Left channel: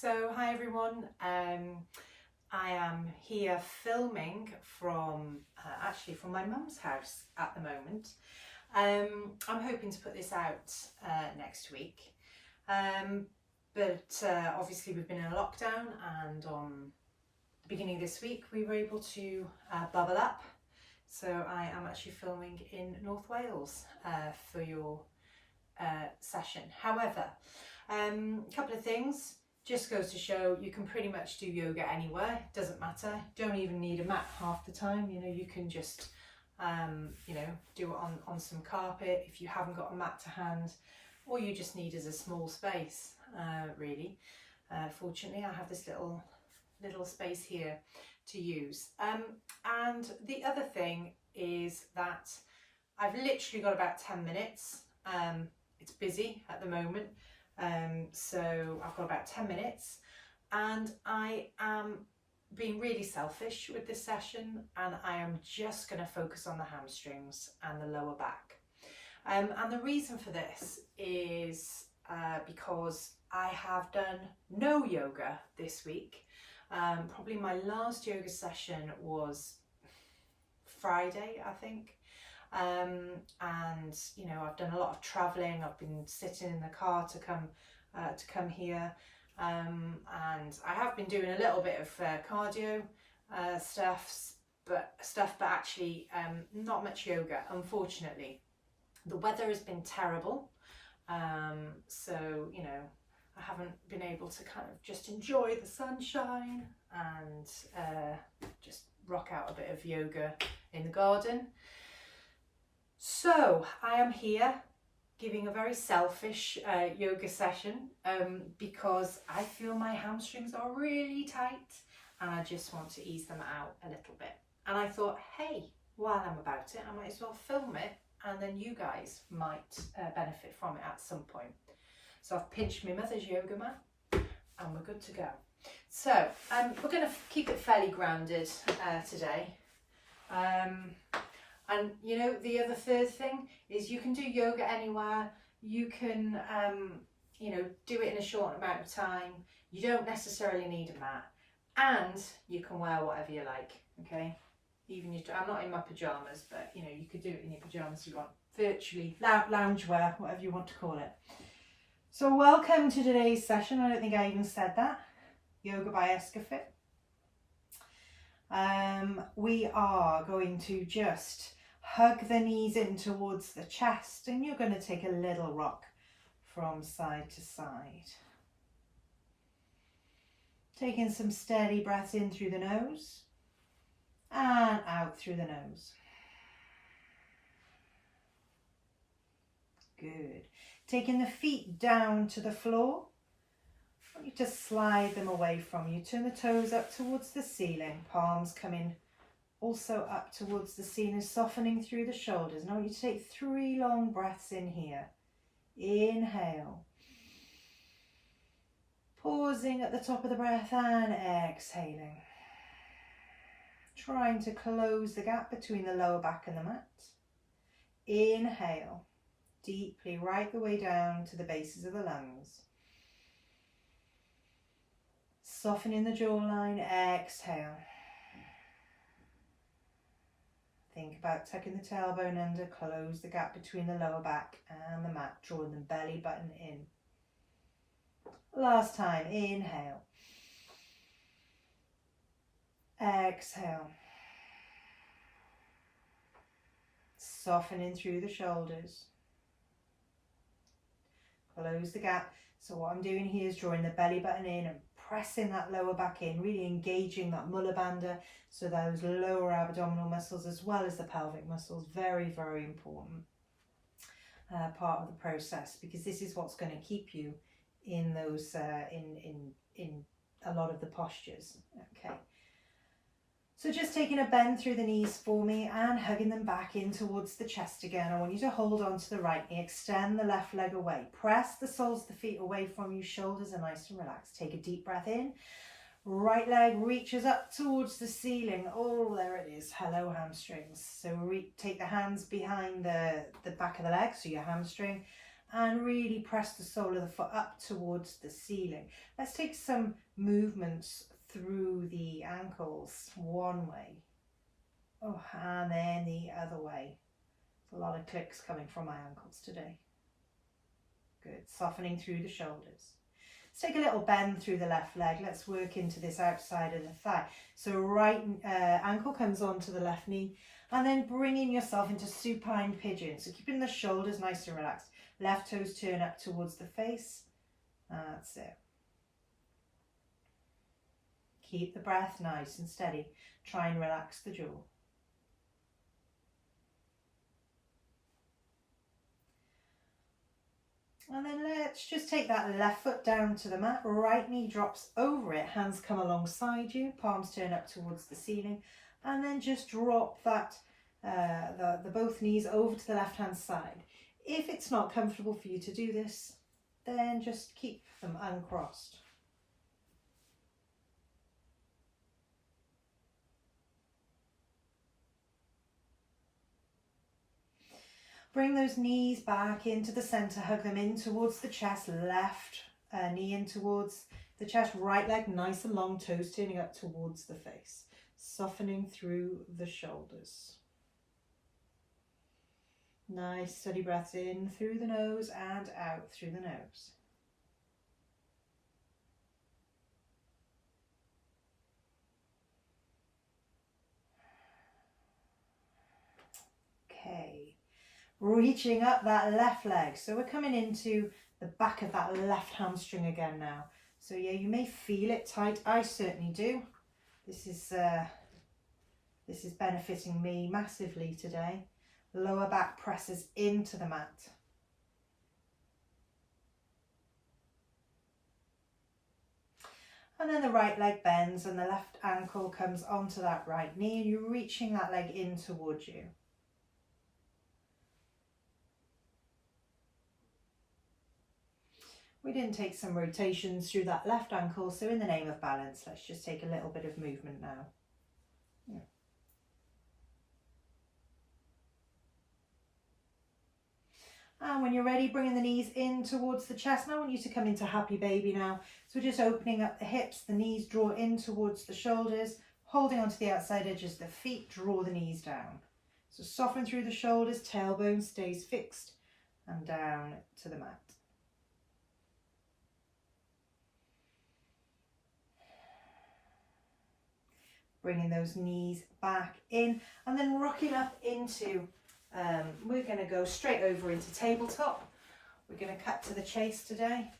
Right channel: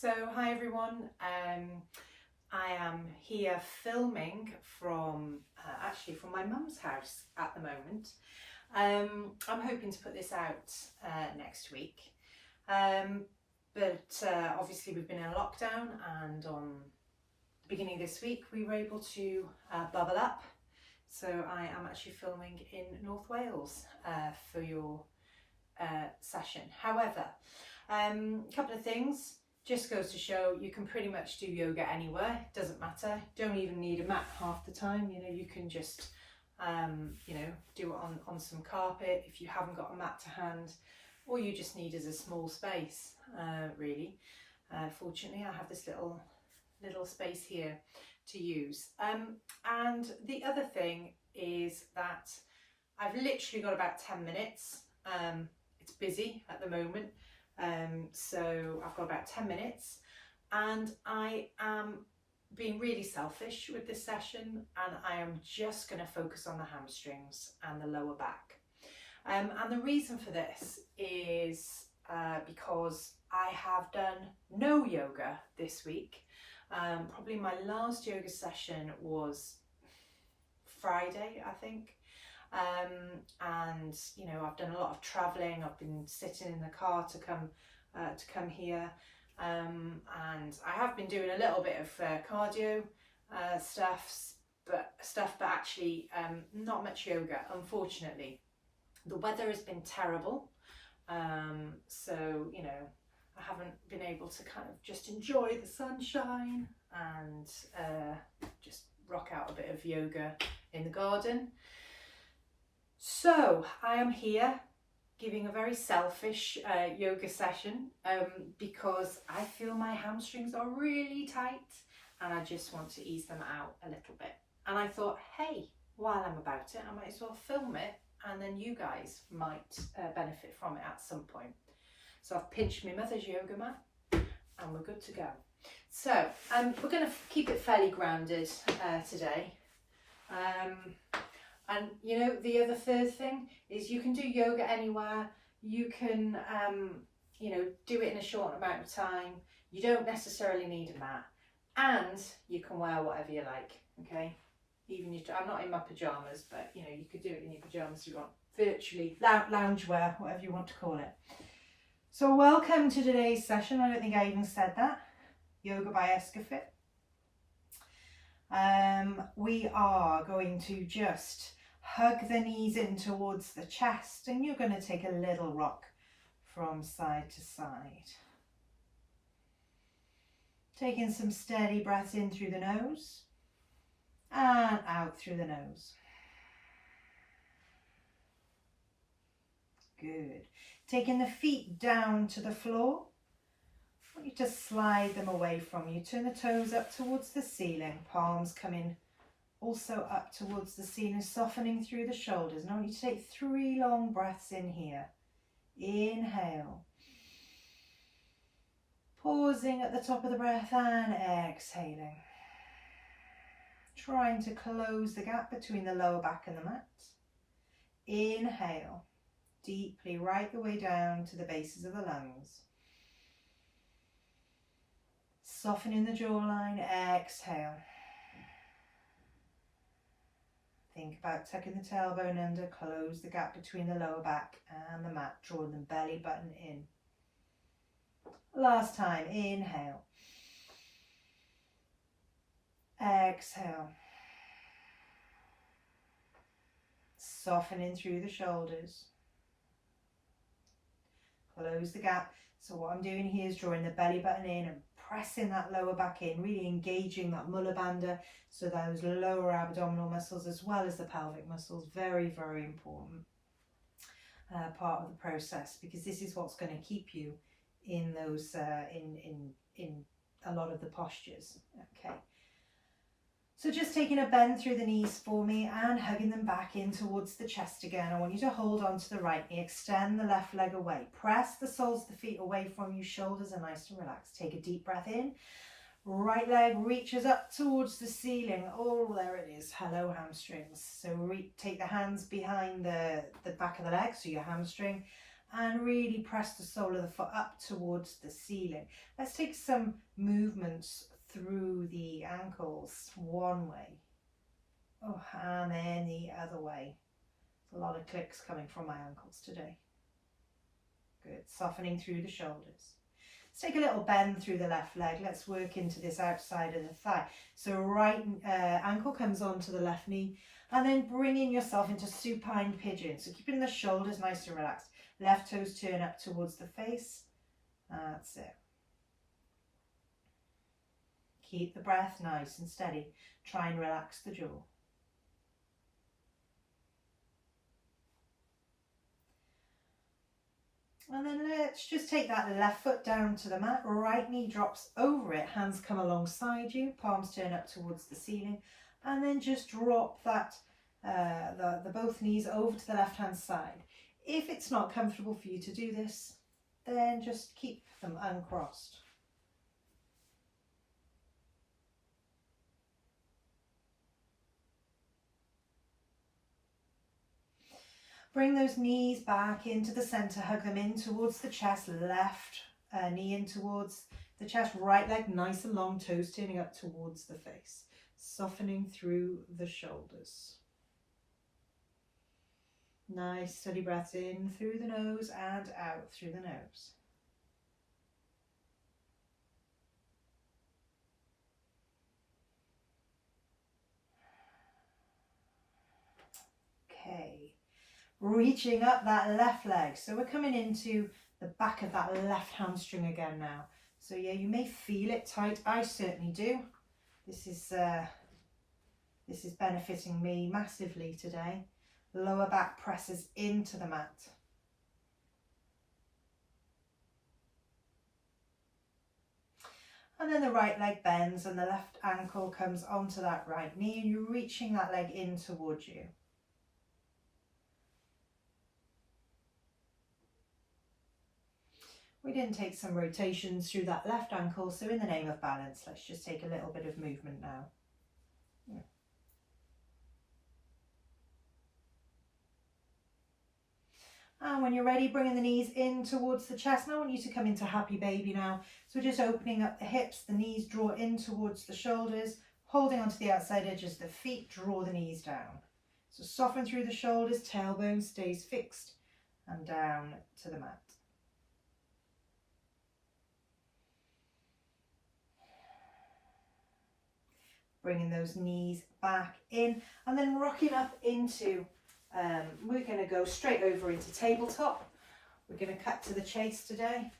So hi everyone, I am here filming from actually from my mum's house at the moment. I'm hoping to put this out next week, but obviously we've been in a lockdown, and on the beginning of this week we were able to bubble up. So I am actually filming in North Wales for your session. However, a couple of things. Just goes to show you can pretty much do yoga anywhere. It doesn't matter. You don't even need a mat half the time. You know, you can just do it on some carpet if you haven't got a mat to hand. All you just need is a small space, really. Fortunately, I have this little space here to use. And the other thing is that I've literally got about 10 minutes. It's busy at the moment. So I've got about 10 minutes, and I am being really selfish with this session, and I am just going to focus on the hamstrings and the lower back. And the reason for this is because I have done no yoga this week. Probably my last yoga session was Friday, I think. And you know, I've done a lot of traveling. I've been sitting in the car to come here, and I have been doing a little bit of cardio stuff, but actually not much yoga, unfortunately. The weather has been terrible, so you know, I haven't been able to kind of just enjoy the sunshine and just rock out a bit of yoga in the garden. So I am here giving a very selfish yoga session because I feel my hamstrings are really tight and I just want to ease them out a little bit. And I thought, hey, while I'm about it, I might as well film it, and then you guys might benefit from it at some point. So I've pinched my mother's yoga mat and we're good to go. So we're going to keep it fairly grounded today. And you know, the other third thing is you can do yoga anywhere. You can, you know, do it in a short amount of time. You don't necessarily need a mat, and you can wear whatever you like. Okay, even I'm not in my pajamas, but you know, you could do it in your pajamas if you want. Virtually loungewear, whatever you want to call it. So welcome to today's session. I don't think I even said that. Yoga by Escafit. We are going to just hug the knees in towards the chest, and you're going to take a little rock from side to side. Taking some steady breaths in through the nose and out through the nose. Good. Taking the feet down to the floor. I want you to slide them away from you. Turn the toes up towards the ceiling, palms coming also up towards the ceiling, softening through the shoulders. And I want you to take 3 long breaths in here. Inhale. Pausing at the top of the breath and exhaling. Trying to close the gap between the lower back and the mat. Inhale. Deeply, right the way down to the bases of the lungs. Softening the jawline, exhale. Think about tucking the tailbone under, close the gap between the lower back and the mat, drawing the belly button in. Last time, inhale. Exhale. Softening through the shoulders. Close the gap. So what I'm doing here is drawing the belly button in and pressing that lower back in, really engaging that mulla bandha, so those lower abdominal muscles as well as the pelvic muscles. Very, very important part of the process, because this is what's going to keep you in those in a lot of the postures. Okay. So just taking a bend through the knees for me and hugging them back in towards the chest again. I want you to hold on to the right knee, extend the left leg away. Press the soles of the feet away from you, shoulders are nice and relaxed. Take a deep breath in. Right leg reaches up towards the ceiling. Oh, there it is. Hello, hamstrings. So take the hands behind the back of the leg, so your hamstring, and really press the sole of the foot up towards the ceiling. Let's take some movements through the ankles, one way, oh, and then the other way. A lot of clicks coming from my ankles today. Good, softening through the shoulders. Let's take a little bend through the left leg. Let's work into this outside of the thigh. So right ankle comes onto the left knee, and then bringing yourself into supine pigeon. So keeping the shoulders nice and relaxed. Left toes turn up towards the face. That's it. Keep the breath nice and steady. Try and relax the jaw. And then let's just take that left foot down to the mat. Right knee drops over it. Hands come alongside you. Palms turn up towards the ceiling. And then just drop that the both knees over to the left hand side. If it's not comfortable for you to do this, then just keep them uncrossed. Bring those knees back into the center, hug them in towards the chest, left knee in towards the chest, right leg nice and long, toes turning up towards the face, softening through the shoulders. Nice steady breaths in through the nose and out through the nose. Okay. Reaching up that left leg. So we're coming into the back of that left hamstring again now. So yeah, you may feel it tight. I certainly do. This is benefiting me massively today. Lower back presses into the mat. And then the right leg bends and the left ankle comes onto that right knee. You're reaching that leg in towards you. We didn't take some rotations through that left ankle, so in the name of balance, let's just take a little bit of movement now. Yeah. And when you're ready, bringing the knees in towards the chest. Now I want you to come into happy baby now. So we're just opening up the hips, the knees draw in towards the shoulders, holding onto the outside edges of the feet, draw the knees down. So soften through the shoulders, tailbone stays fixed and down to the mat. Bringing those knees back in and then rocking up into, we're going to go straight over into tabletop. We're going to cut to the chase today.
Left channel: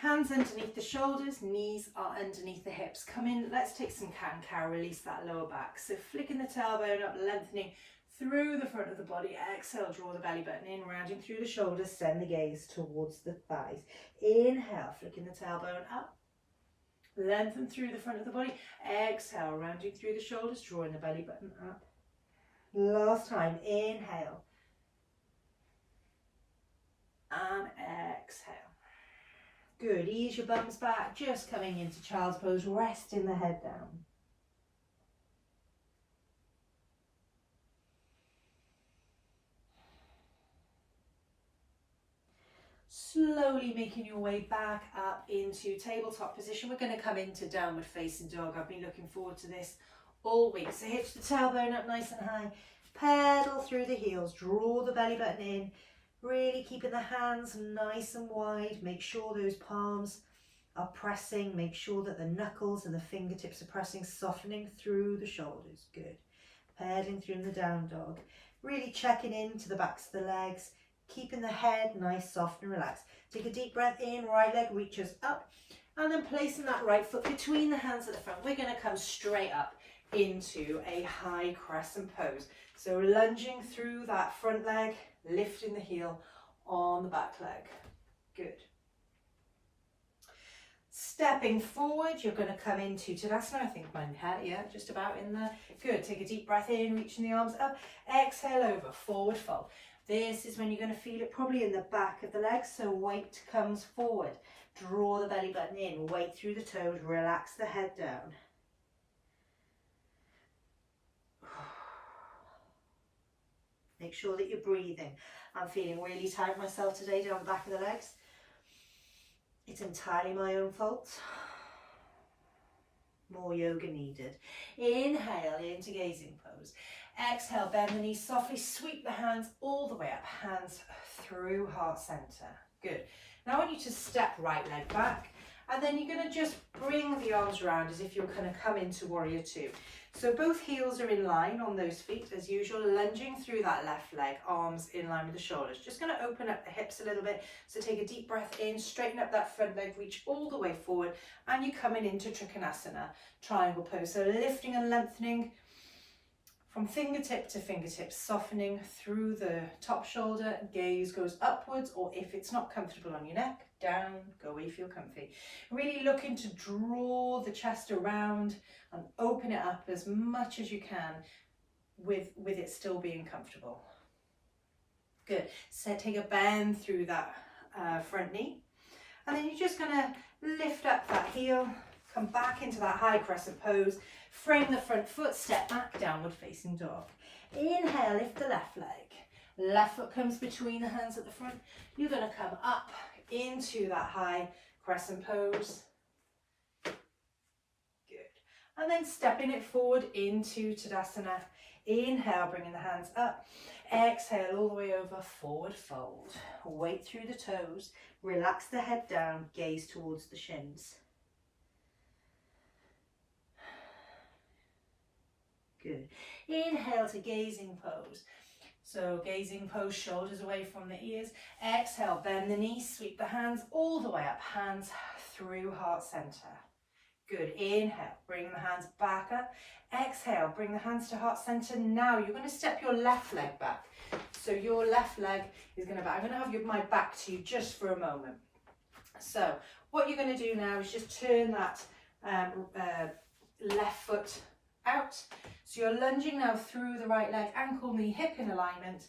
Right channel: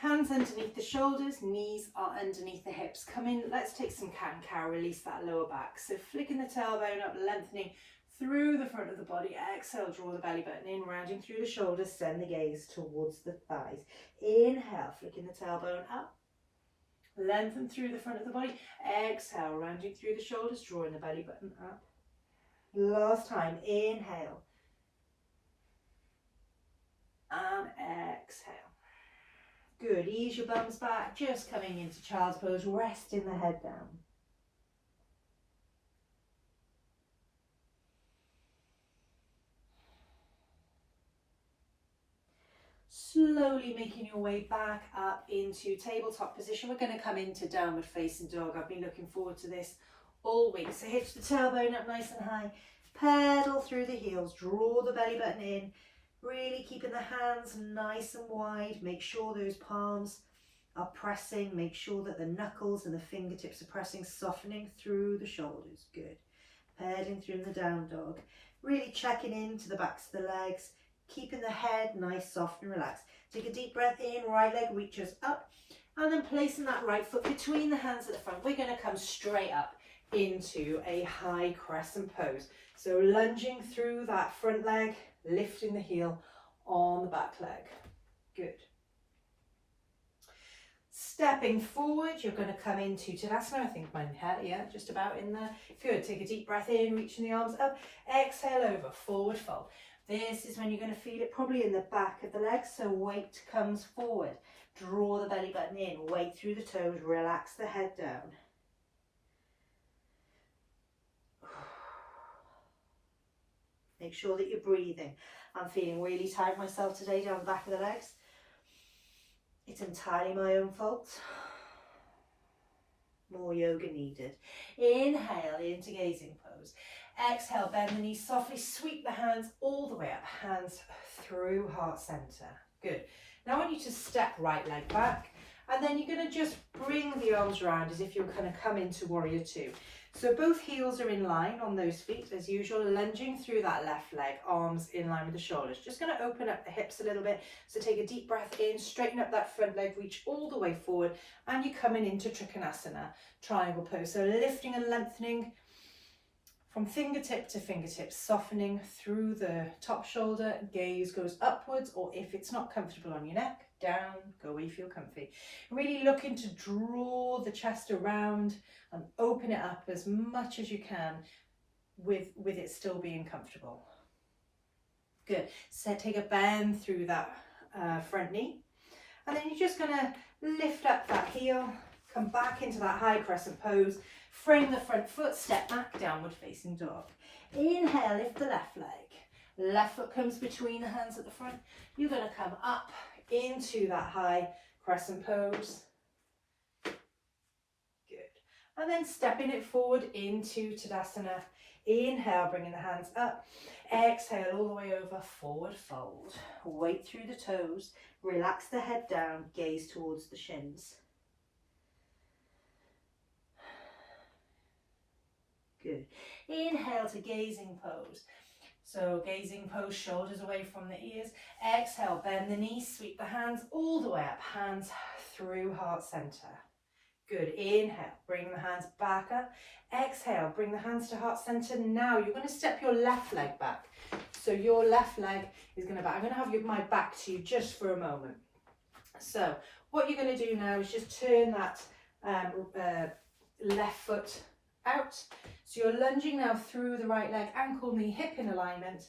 Hands underneath the shoulders, knees are underneath the hips. Come in, let's take some cat-cow, release that lower back. So flicking the tailbone up, lengthening through the front of the body. Exhale, draw the belly button in, rounding through the shoulders, send the gaze towards the thighs. Inhale, flicking the tailbone up. Lengthen through the front of the body. Exhale, rounding through the shoulders, drawing the belly button up. Last time, inhale. And exhale. Good, ease your bums back, just coming into child's pose, resting the head down. Slowly making your way back up into tabletop position. We're going to come into downward facing dog. I've been looking forward to this all week. So hitch the tailbone up nice and high. Pedal through the heels. Draw the belly button in. Really keeping the hands nice and wide. Make sure those palms are pressing. Make sure that the knuckles and the fingertips are pressing, softening through the shoulders. Good. Pedaling through in the down dog. Really checking into the backs of the legs. Keeping the head nice, soft and relaxed. Take a deep breath in, right leg reaches up, and then placing that right foot between the hands at the front. We're going to come straight up into a high crescent pose. So lunging through that front leg, lifting the heel on the back leg. Good. Stepping forward, you're going to come into Tadasana. I think mine had, yeah, just about in there. Good. Take a deep breath in, reaching the arms up. Exhale over, forward fold. This is when you're going to feel it probably in the back of the legs, so weight comes forward. Draw the belly button in, weight through the toes, relax the head down. Make sure that you're breathing. I'm feeling really tight myself today down the back of the legs. It's entirely my own fault. More yoga needed. Inhale into gazing pose. Exhale, bend the knees softly, sweep the hands all the way up, hands through heart center. Good. Now I want you to step right leg back, and then you're going to just bring the arms around as if you're going to come into warrior two. So both heels are in line on those feet as usual, lunging through that left leg, arms in line with the shoulders. Just going to open up the hips a little bit. So take a deep breath in, straighten up that front leg, reach all the way forward, and you're coming into Trikonasana, triangle pose. So lifting and lengthening from fingertip to fingertip, softening through the top shoulder, gaze goes upwards, or if it's not comfortable on your neck, down, go where you feel comfy. Really looking to draw the chest around and open it up as much as you can with it still being comfortable. Good. So take a bend through that front knee, and then you're just going to lift up that heel, come back into that high crescent pose, frame the front foot, step back, downward facing dog. Inhale, lift the left leg. Left foot comes between the hands at the front. You're going to come up into that high crescent pose. Good. And then stepping it forward into Tadasana. Inhale, bringing the hands up. Exhale, all the way over, forward fold. Weight through the toes. Relax the head down, gaze towards the shins. Good. Inhale to gazing pose. So gazing pose, shoulders away from the ears. Exhale, bend the knees, sweep the hands all the way up, hands through heart center. Good. Inhale, bring the hands back up. Exhale, bring the hands to heart center. Now you're going to step your left leg back. So your left leg is going to back. I'm going to have my back to you just for a moment. So what you're going to do now is just turn that left foot out. So you're lunging now through the right leg, ankle, knee, hip in alignment,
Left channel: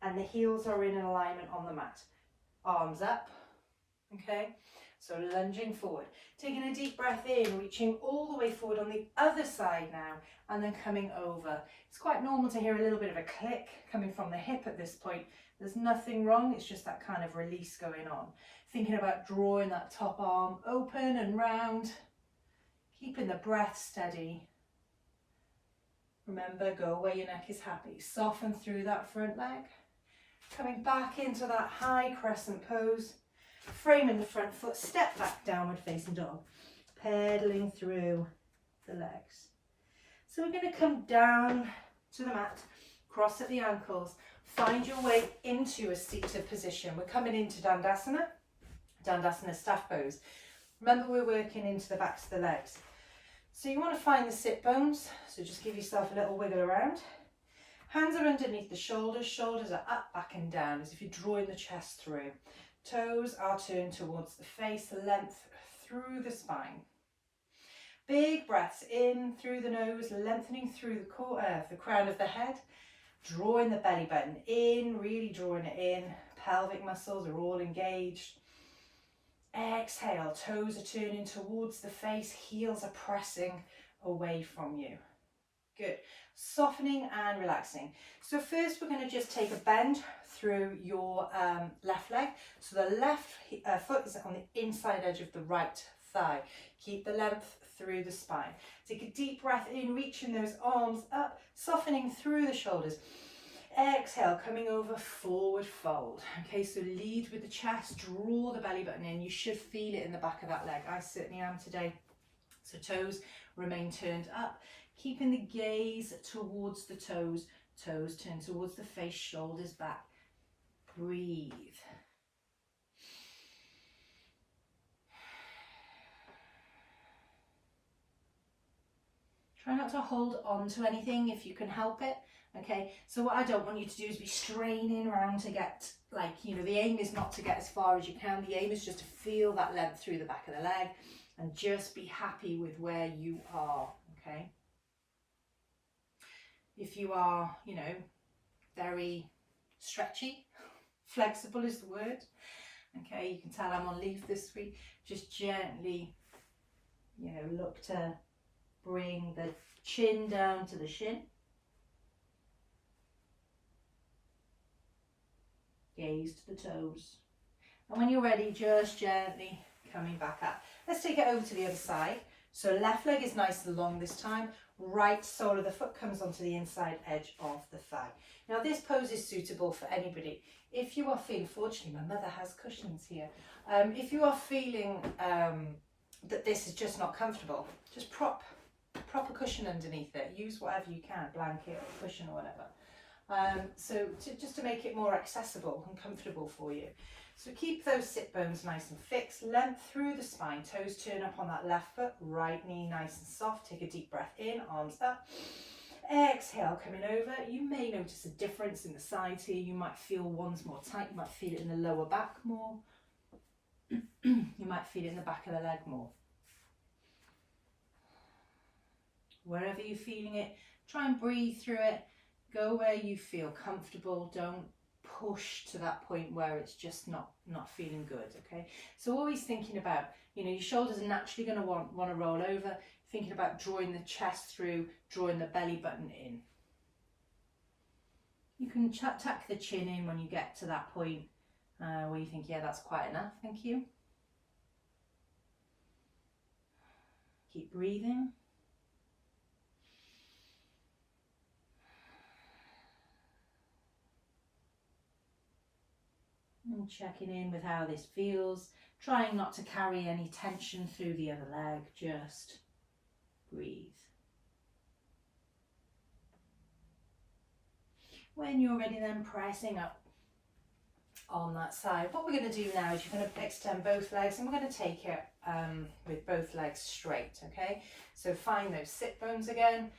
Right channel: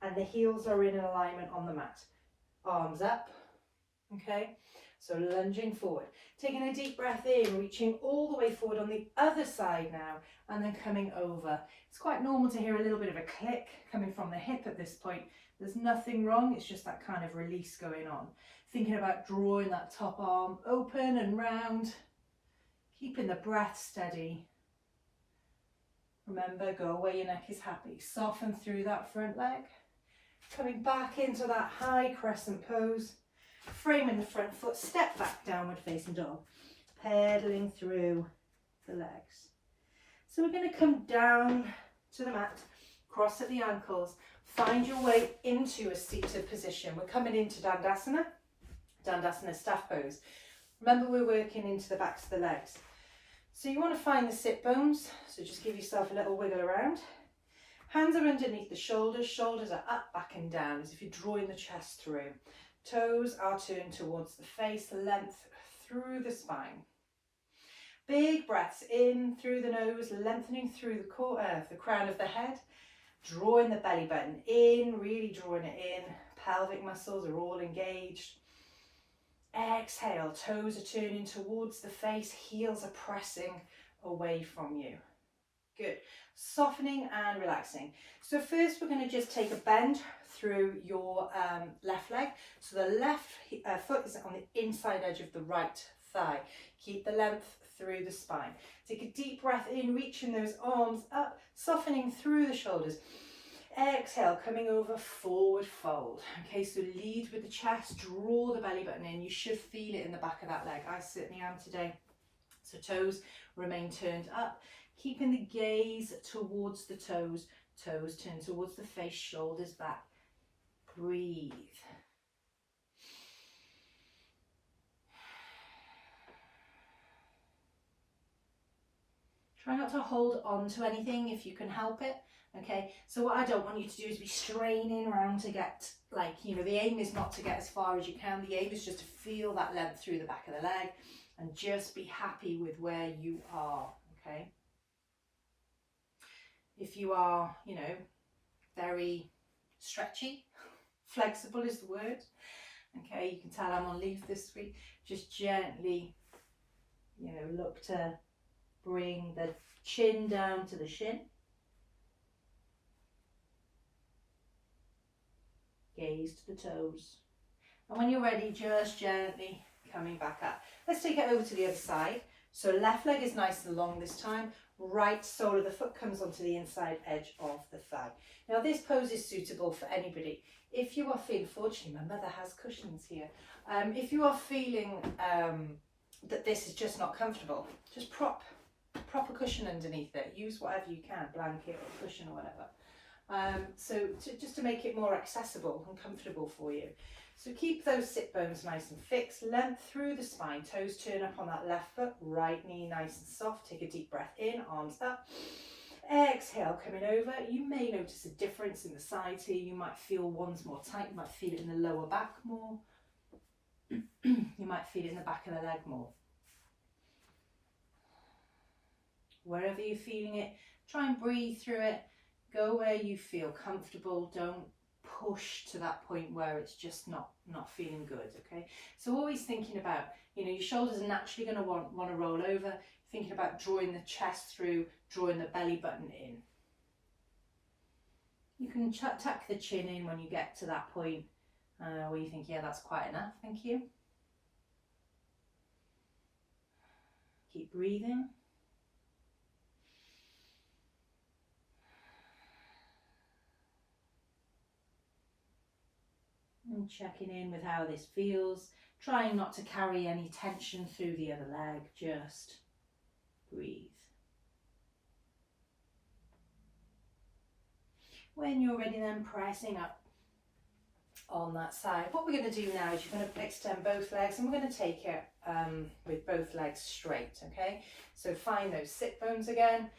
and the heels are in alignment on the mat. Arms up, okay? So lunging forward. Taking a deep breath in, reaching all the way forward on the other side now, and then coming over. It's quite normal to hear a little bit of a click coming from the hip at this point. There's nothing wrong, it's just that kind of release going on. Thinking about drawing that top arm open and round, keeping the breath steady. Remember, go where your neck is happy. Soften through that front leg. Coming back into that high crescent pose. Framing the front foot, step back, downward facing dog. Pedaling through the legs. So we're going to come down to the mat, cross at the ankles, find your way into a seated position. We're coming into Dandasana, Dandasana staff pose. Remember, we're working into the backs of the legs. So you want to find the sit bones, so just give yourself a little wiggle around. Hands are underneath the shoulders, shoulders are up, back and down, as if you're drawing the chest through. Toes are turned towards the face, length through the spine. Big breaths in through the nose, lengthening through the crown of the head, drawing the belly button in, really drawing it in. Pelvic muscles are all engaged. Exhale, toes are turning towards the face, heels are pressing away from you. Good. Softening and relaxing. So first we're going to just take a bend through your left leg. So the left foot is on the inside edge of the right thigh. Keep the length through the spine. Take a deep breath in, reaching those arms up, softening through the shoulders. Exhale, coming over, forward fold. Okay, so lead with the chest, draw the belly button in. You should feel it in the back of that leg. I certainly am today. So toes remain turned up, keeping the gaze towards the toes. Toes turn towards the face, shoulders back. Breathe. Try not to hold on to anything if you can help it. Okay, so what I don't want you to do is be straining around to get, the aim is not to get as far as you can. The aim is just to feel that length through the back of the leg and just be happy with where you are, okay? If you are, very stretchy, flexible is the word, okay? You can tell I'm on leave this week. Just gently, look to bring the chin down to the shin. gaze to the toes. And when you're ready, just gently coming back up. Let's take it over to the other side. So left leg is nice and long this time. Right sole of the foot comes onto the inside edge of the thigh. Now this pose is suitable for anybody. If you are feeling, fortunately my mother has cushions here. If you are feeling that this is just not comfortable, just prop a cushion underneath it. Use whatever you can, blanket or cushion or whatever. Just to make it more accessible and comfortable for you. So keep those sit bones nice and fixed, length through the spine, toes turn up on that left foot, right knee nice and soft. Take a deep breath in, arms up. Exhale, coming over. You may notice a difference in the sides here. You might feel one's more tight, you might feel it in the lower back more. You might feel it in the back of the leg more. Wherever you're feeling it, try and breathe through it. Go where you feel comfortable. Don't push to that point where it's just not feeling good, okay? So always thinking about, your shoulders are naturally going to want to roll over, thinking about drawing the chest through, drawing the belly button in. You can tuck the chin in when you get to that point where you think, yeah, that's quite enough, thank you. Keep breathing. And checking in with how this feels, trying not to carry any tension through the other leg, just breathe. When you're ready, then pressing up on that side. What we're going to do now is you're going to extend both legs and we're going to take it with both legs straight, okay? So find those sit bones again.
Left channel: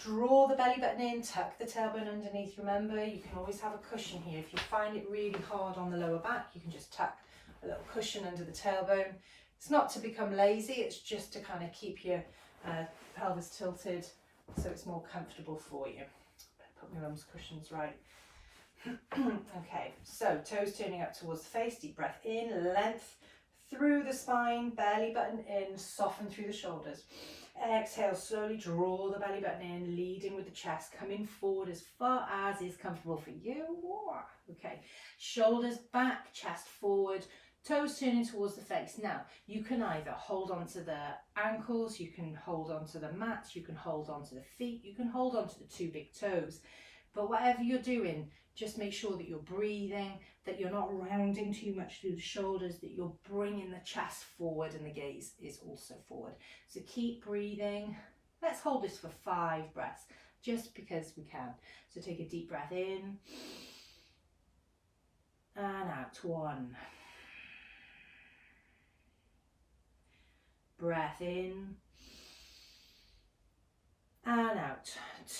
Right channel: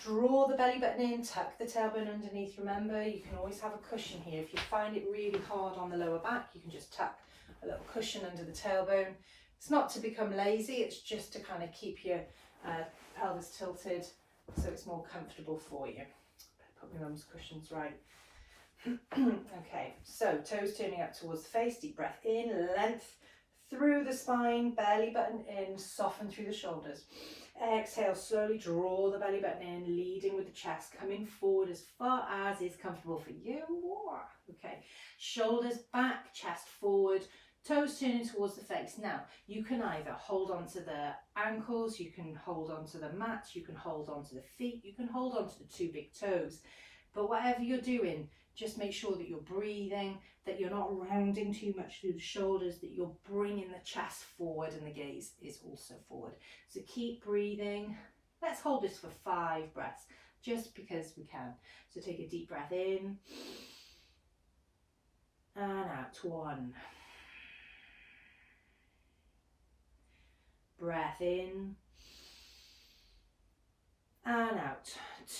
Draw the belly button in, tuck the tailbone underneath. Remember, you can always have a cushion here. If you find it really hard on the lower back, you can just tuck a little cushion under the tailbone. It's not to become lazy, it's just to kind of keep your pelvis tilted so it's more comfortable for you. Put my mum's cushions right. Okay, so toes turning up towards the face, deep breath in, length through the spine, belly button in, soften through the shoulders. Exhale, slowly draw the belly button in, leading with the chest, coming forward as far as is comfortable for you. Okay, shoulders back, chest forward, toes turning towards the face. Now, you can either hold on to the ankles, you can hold on to the mat, you can hold on to the feet, you can hold on to the two big toes. But whatever you're doing, just make sure that you're breathing, that you're not rounding too much through the shoulders, that you're bringing the chest forward and the gaze is also forward. So keep breathing. Let's hold this for 5 breaths, just because we can. So take a deep breath in and out. 1. Breath in and out.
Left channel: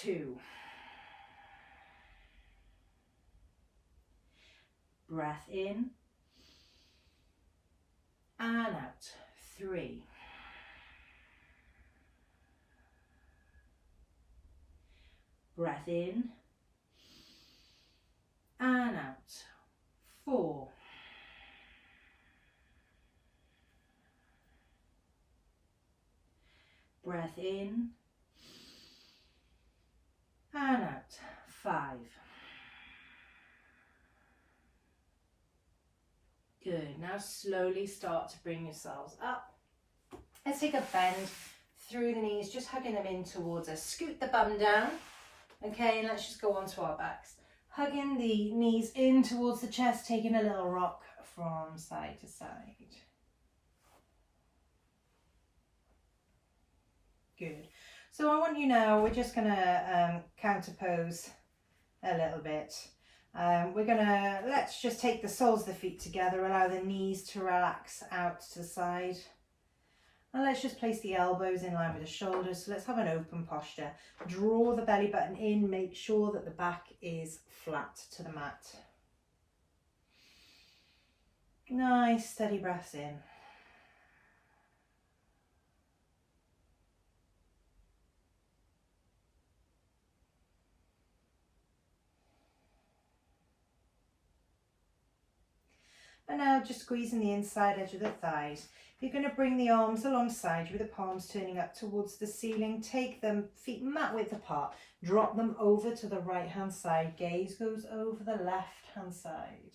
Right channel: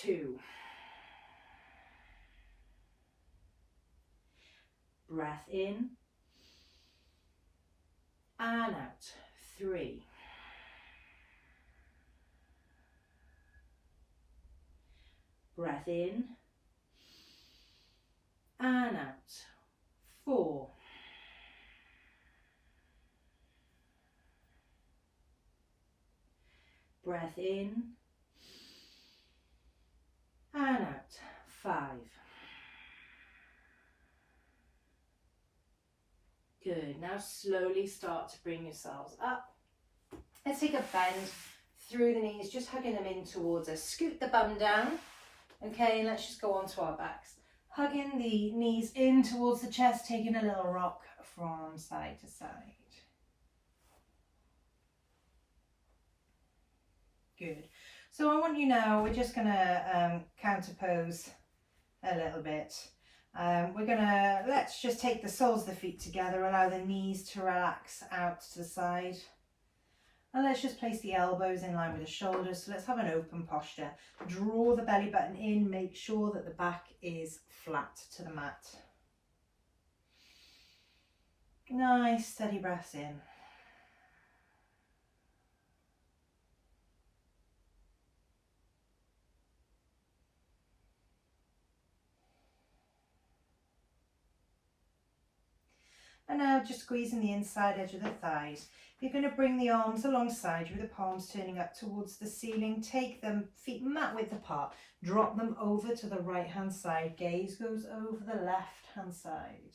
2. Breath in and out. 3. Breath in and out. 4. Breath in and out. 5. Good. Now slowly start to bring yourselves up. Let's take a bend through the knees, just hugging them in towards us. Scoot the bum down. Okay, and let's just go on to our backs. Hugging the knees in towards the chest, taking a little rock from side to side. Good. So I want you now, we're just going to counter pose a little bit. Let's just take the soles of the feet together, allow the knees to relax out to the side. And let's just place the elbows in line with the shoulders. So let's have an open posture. Draw the belly button in, make sure that the back is flat to the mat. Nice, steady breaths in. And now just squeezing the inside edge of the thighs. You're going to bring the arms alongside you with the palms turning up towards the ceiling. Take them feet mat width apart. Drop them over to the right hand side. Gaze goes over the left hand side.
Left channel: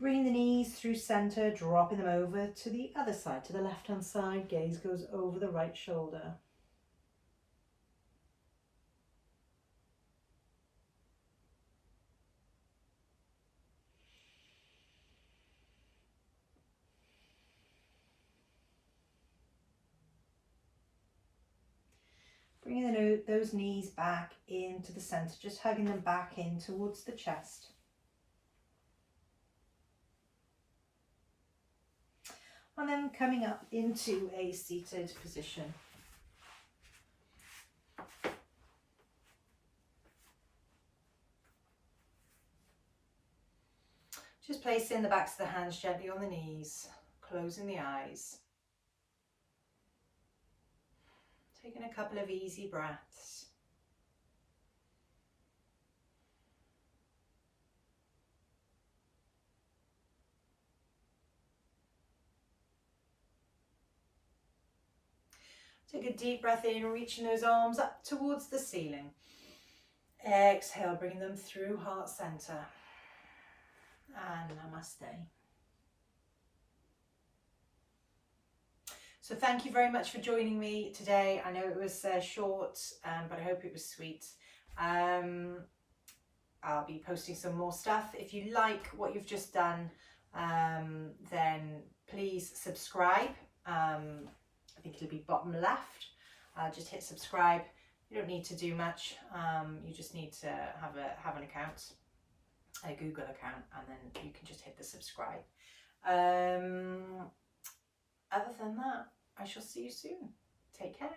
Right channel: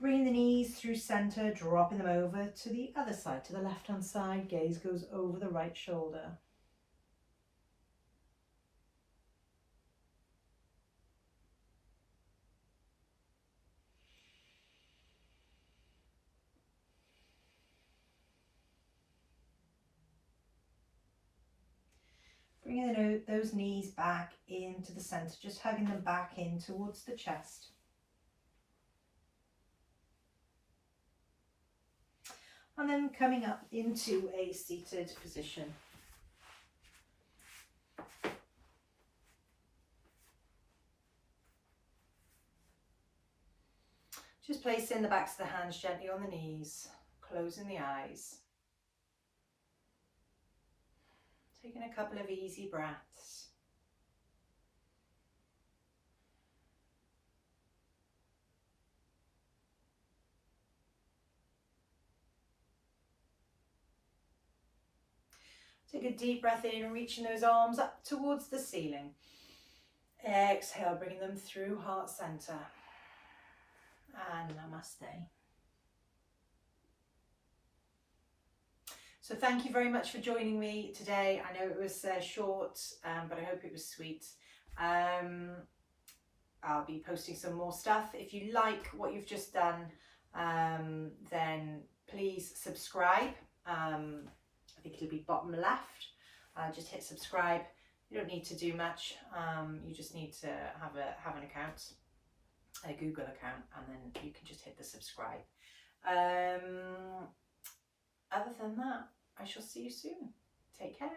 Bring the knees through center, dropping them over to the other side, to the left hand side. Gaze goes over the right shoulder. Bringing those knees back into the center, just hugging them back in towards the chest. And then coming up into a seated position. Just placing the backs of the hands gently on the knees, closing the eyes. Taking a couple of easy breaths. Take a deep breath in, reaching those arms up towards the ceiling. Exhale, bringing them through heart center. And namaste. So thank you very much for joining me today. I know it was short, but I hope it was sweet. I'll be posting some more stuff. If you like what you've just done, then please subscribe. I think it'll be bottom left. Just hit subscribe. You don't need to do much. You just need to have an account, a Google account, and then you can just hit the subscribe. Other than that, I shall see you soon. Take care.